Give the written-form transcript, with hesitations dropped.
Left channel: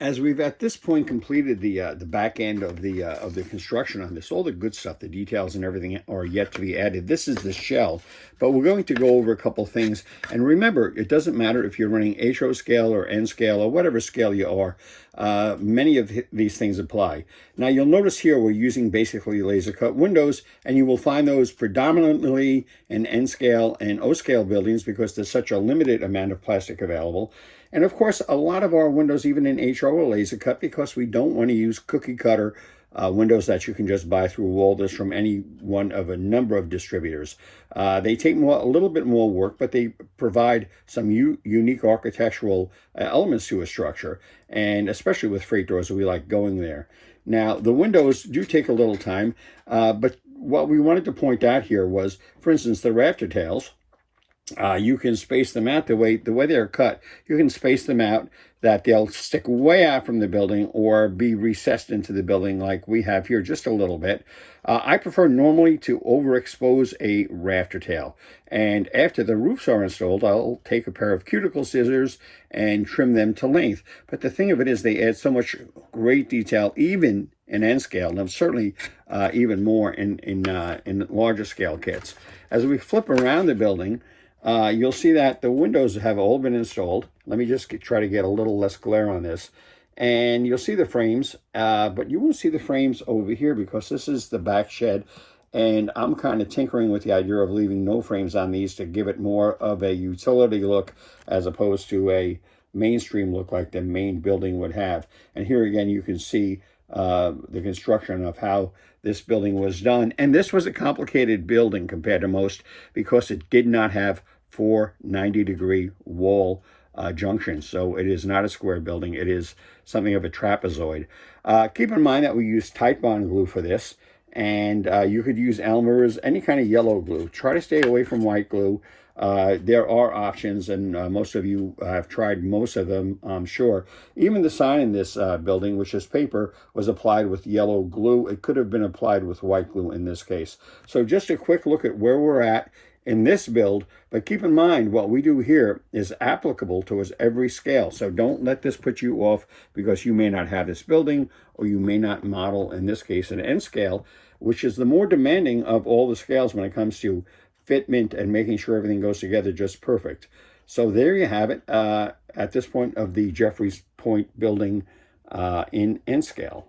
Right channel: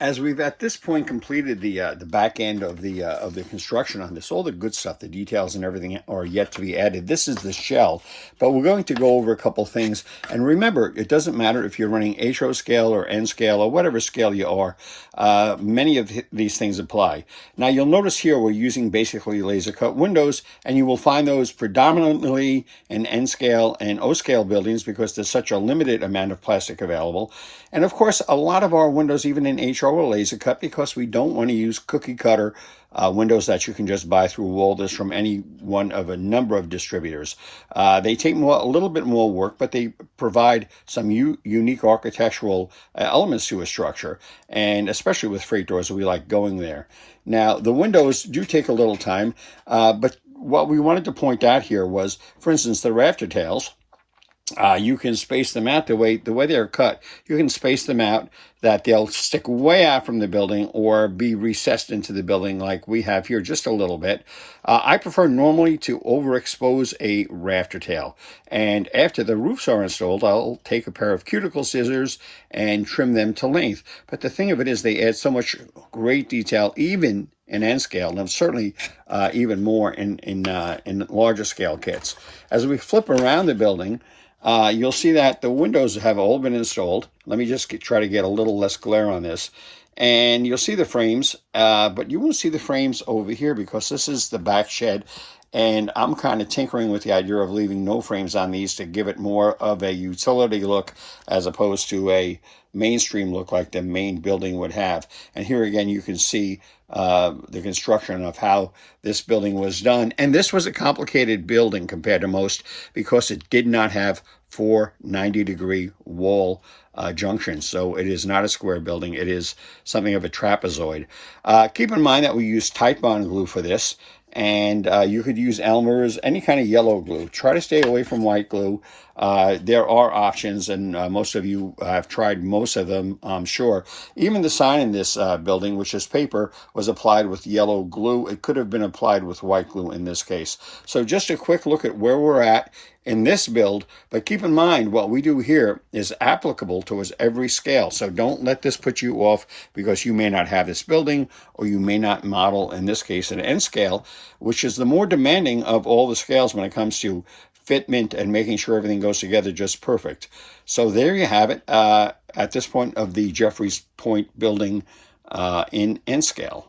As we've at this point completed the back end of the construction on this, all the good stuff, the details and everything are yet to be added. This is the shell, but we're going to go over a couple things. And remember, it doesn't matter if you're running HO scale or N scale or whatever scale you are. Many of these things apply. Now you'll notice here we're using basically laser cut windows, and you will find those predominantly in N scale and O scale buildings because there's such a limited amount of plastic available. And of course, a lot of our windows, even in HO, are laser cut because we don't want to use cookie cutter windows that you can just buy through Walters from any one of a number of distributors. They take a little bit more work, but they provide some unique architectural elements to a structure, and especially with freight doors, we like going there. Now, the windows do take a little time, but what we wanted to point out here was, for instance, the Rafter Tails. You can space them out the way they're cut. You can space them out that they'll stick way out from the building or be recessed into the building like we have here just a little bit. I prefer normally to overexpose a rafter tail. And after the roofs are installed, I'll take a pair of cuticle scissors and trim them to length. But the thing of it is they add so much great detail, even in N scale, and certainly even more in larger scale kits. As we flip around the building, you'll see that the windows have all been installed. Let me just try to get a little less glare on this. And you'll see the frames, but you won't see the frames over here because this is the back shed. And I'm kind of tinkering with the idea of leaving no frames on these to give it more of a utility look as opposed to a mainstream look like the main building would have. And here again, you can see the construction of how this building was done. And this was a complicated building compared to most because it did not have 4 90-degree wall junctions. So it is not a square building. It is something of a trapezoid. Keep in mind that we use Titebond glue for this. And you could use Elmer's, any kind of yellow glue. Try to stay away from white glue. There are options, and most of you have tried most of them, I'm sure. Even the sign in this building, which is paper, was applied with yellow glue. It could have been applied with white glue in this case. So just a quick look at where we're at in this build, but keep in mind what we do here is applicable towards every scale. So don't let this put you off because you may not have this building or you may not model, in this case, an N scale, which is the more demanding of all the scales when it comes to fitment and making sure everything goes together just perfect. So there you have it at this point of the Jefferies Point building in N scale.